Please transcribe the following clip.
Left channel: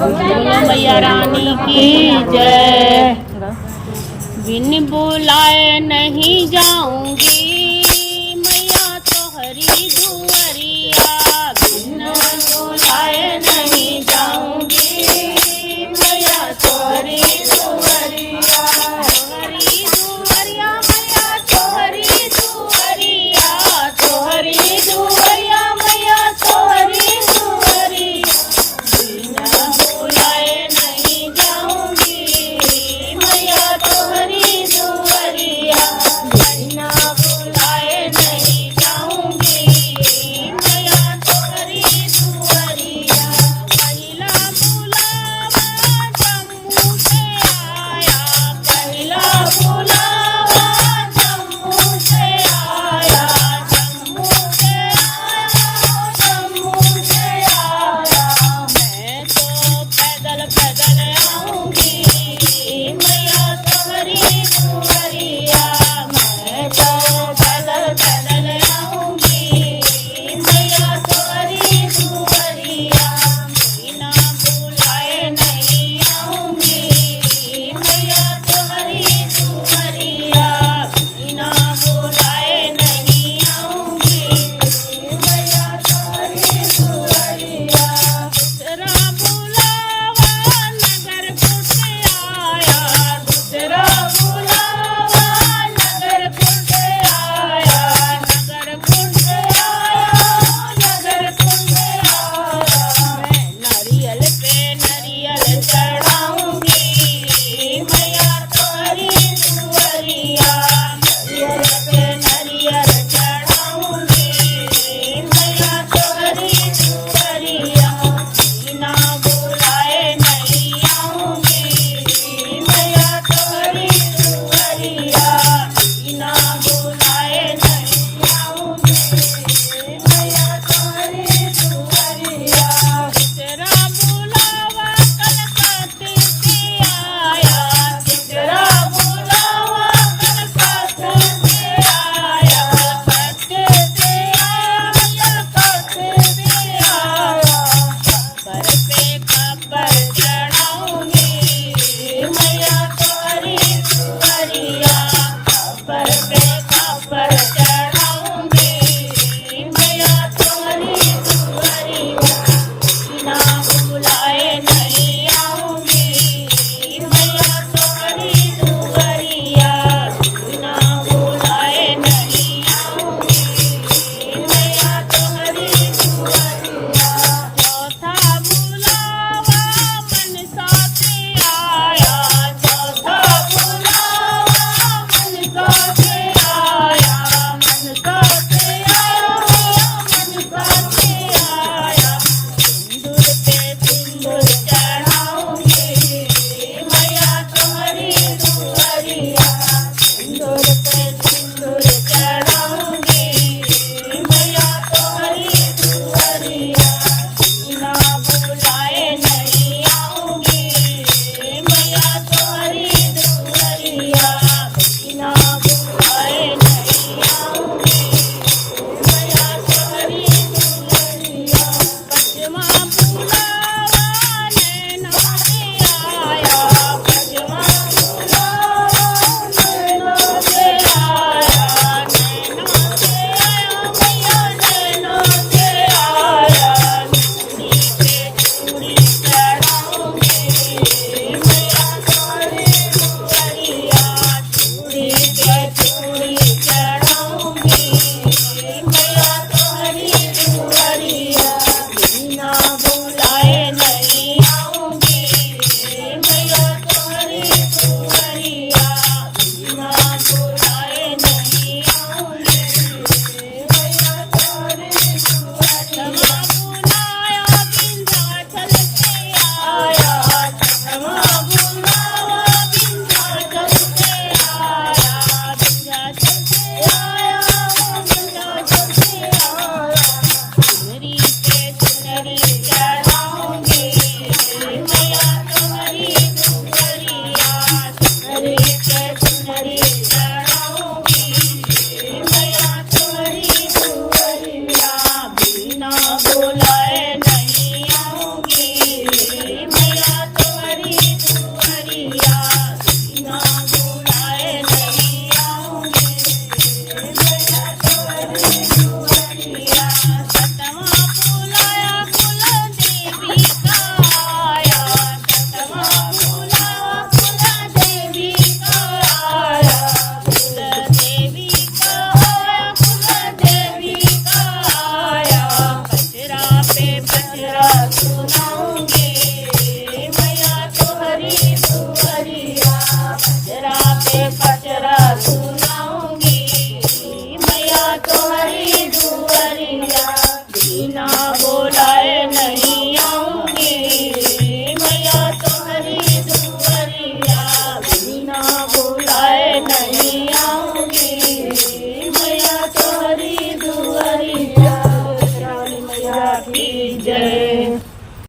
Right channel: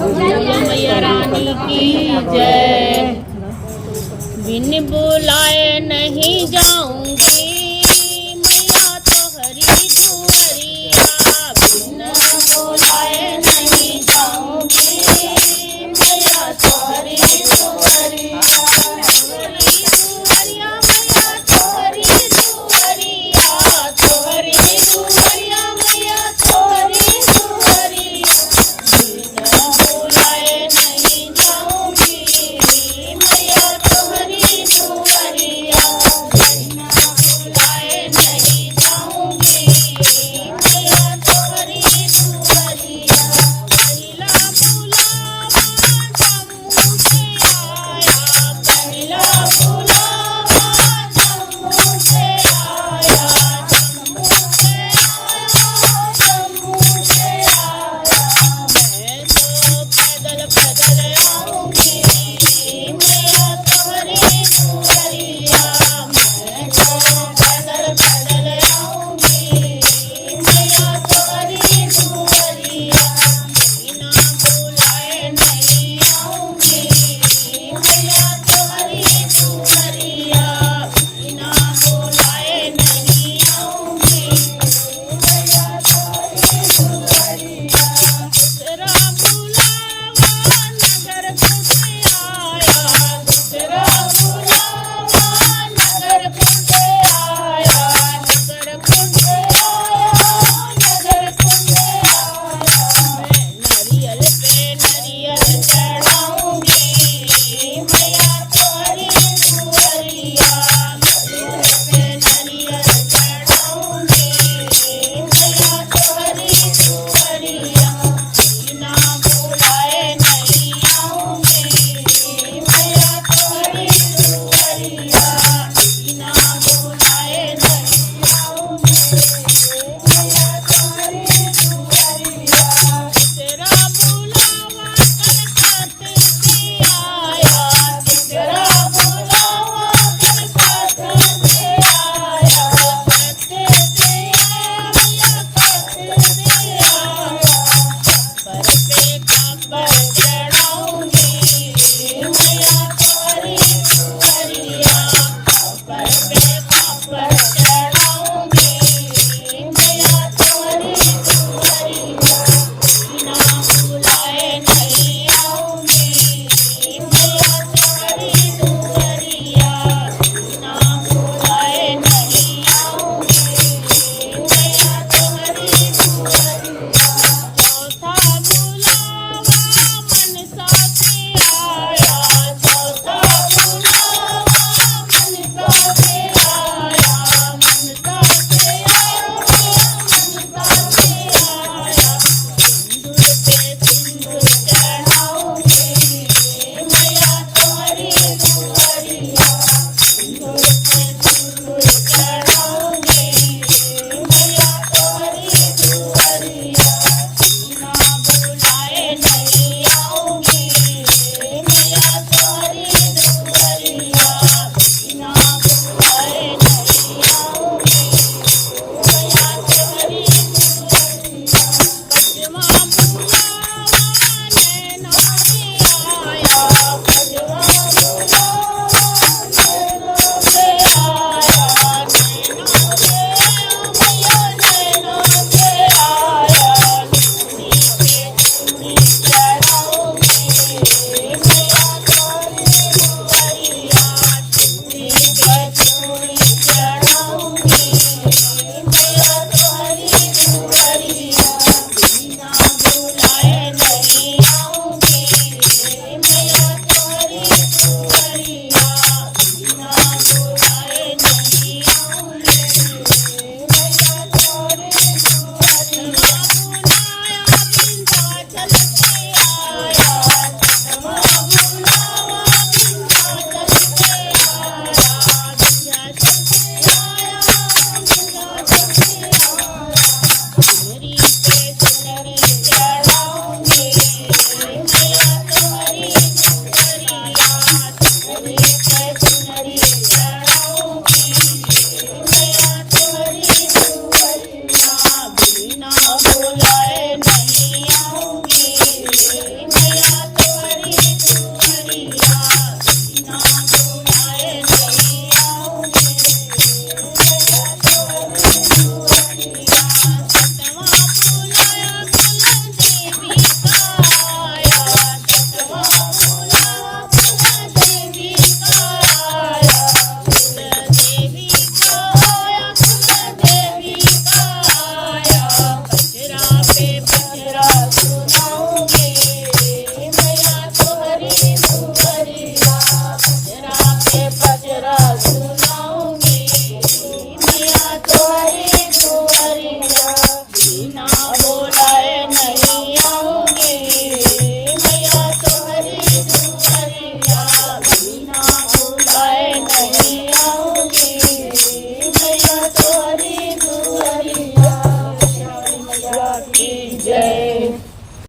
बोलो मैया रानी की जय। बिन बुलाए नहीं जाऊंगी मैया तोहरी दुआरिया। बिन बुलाए नहीं जाऊंगी मैया तोहरी दुआरिया। तोहरी दुआरिया मैया तोहरी दुआरिया। तोहरी दुआरिया मैया तोहरी दुआरिया। बिन बुलाए नहीं जाऊंगी मैया तोहरी दुआरिया। बिन बुलाए नहीं जाऊंगी मैया तोहरी दुआरिया। पहला बुलावा जम्मू से आया। पहला बुलावा जम्मू से आया। जम्मू से आया। जम्मू से आया। मैं तो पैदल पैदल आऊंगी मैया तोहरी दुआरिया। मैं तो पैदल पैदल आऊंगी मैया तोहरी दुआरिया। बिना बुलाए नहीं आऊंगी मैया तोहरी दुआरिया। बिना बुलाए नहीं आऊंगी मैया तोहरी दुआरिया। दूसरा बुलावा नगर कुट आया। दूसरा बुलावा नगर कुट आया। नगर कुट आया। नगर कुट आया। मैं नारियल पे नारियल चढ़ाऊंगी मैया तोहरी दुआरिया। नारियल पे नारियल चढ़ाऊंगी मैया तोहरी दुआरिया। बिना बुलाए नहीं आऊंगी मैया तोहरी दुआरिया। बिना बुलाए नहीं आऊंगी मैया तोहरी दुआरिया। तेरा बुलावा कलकत्ते से आया। तेरा बुलावा कलकत्ते से आया। कलकत्ते से आया मैया कलकत्ते से आया। खबर पे खबर